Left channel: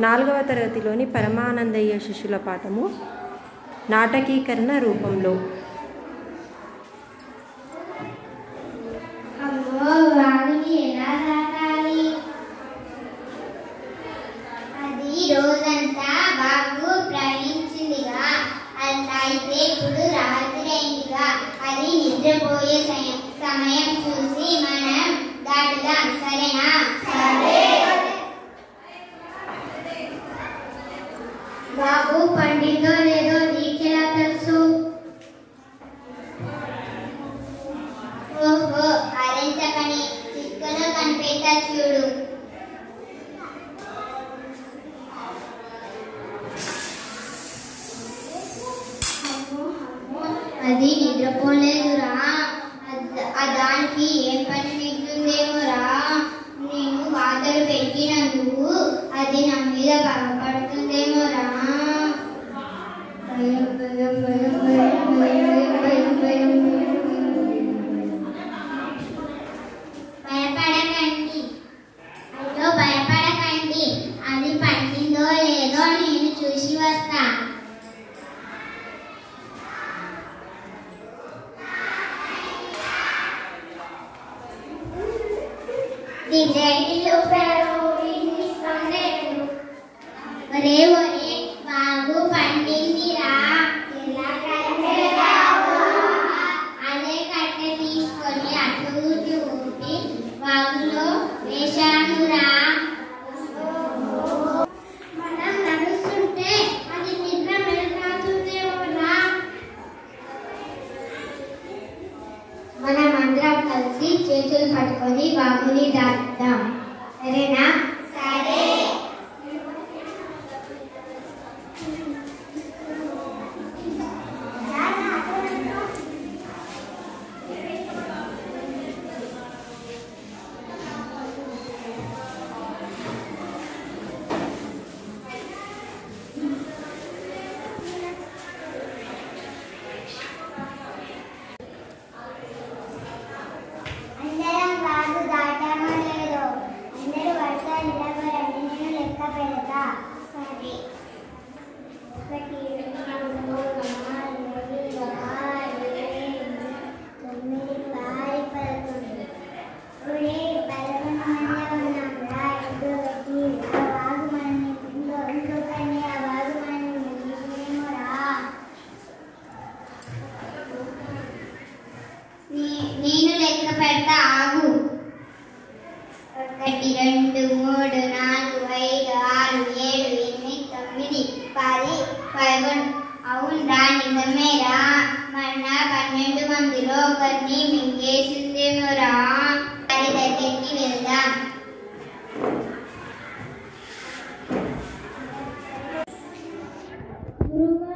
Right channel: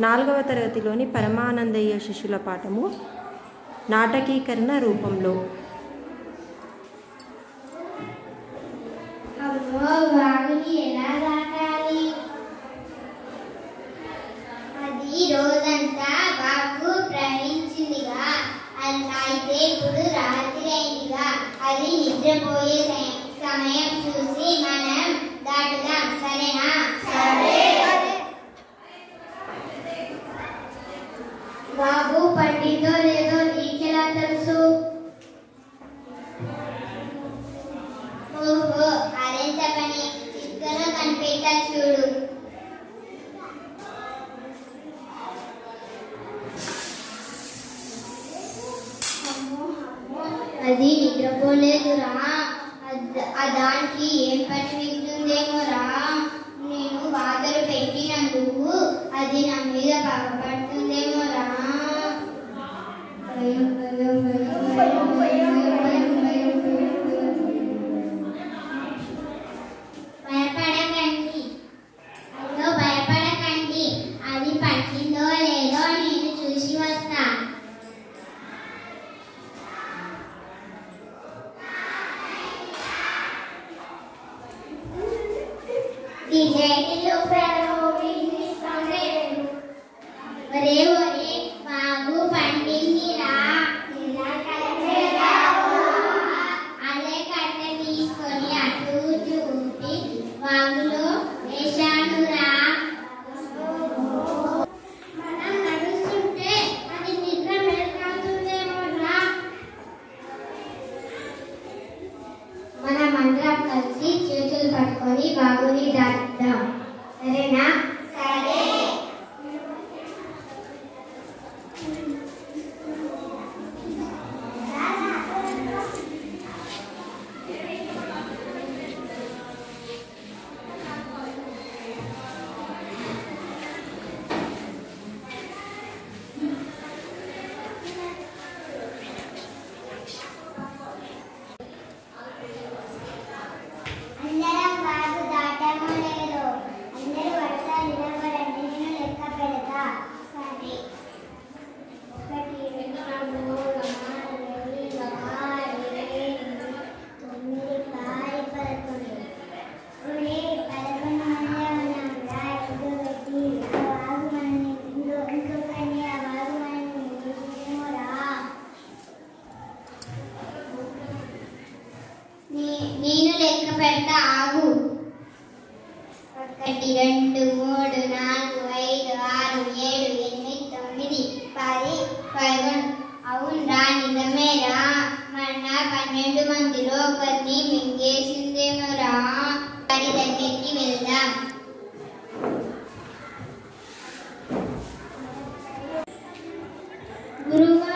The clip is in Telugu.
4వ తరగతిలోని పరమానందయ్య శిష్యుల పాఠము నాటకీకరణ రూపంలో. అది రోజంతా బాగు ప్రయాణించిందిగా, అయితే ఇప్పుడు రాత్రి అయిందిగా. అది నిద్రపోయే సమయం చూసి మనం దాటుదాం, సరేనా? బాబు పండిందో లేదో నీకెలా తెలుసు? ఓహో, అరెంత పని చిక్కలో కనిపెట్టా చూడు. అది నిద్రపోలేదురా, దానికి ఏం పని మిగులుందేమోరా. నేను వాతలు పెట్టినందుకు అది నా మీద పగపడుతుందేమోరా. భయపడకండి, అయ్యో భయపడకండి, అది పట్టిందో లేదో నేను చూసి వస్తా. ఒరే ఒరే, బాబు పండిందిరా. అదే కట్టె తీసుకొని అటు ఇటు ఊపి వాగులో వేశానురా. మనం నడుస్తుంటే అది నిద్ర మెరుగవుతుందేమోరా. మనమందరం కలిసి చేతులు పట్టుకొని బాబుని దాటుదాం, సరేనా? సరే. అందరం బాగు దాటామో లేదో, అందరూ వరుసగా నిలబడండి, నేను లెక్క పెడతా. సరే. 1 2 3 4 5 6 7 8 9 10 11. ఒరే 11 మంది ఉన్నాంరా, ఎటు పెట్టి ఆ వాగు మనం ఇంకొకరిని ఆ వాగు మనం నిలిచేమోరా. నేను లెక్క పెడతా, ఆగు. 1 2 3 4 5 6 7 8 9 10 11. అవునరా, నిజమేరా. మన 12 మందిలో ఒకరిని మింగేసిందేమోరా. వారి దగ్గరికి వెళ్దాం. గురువు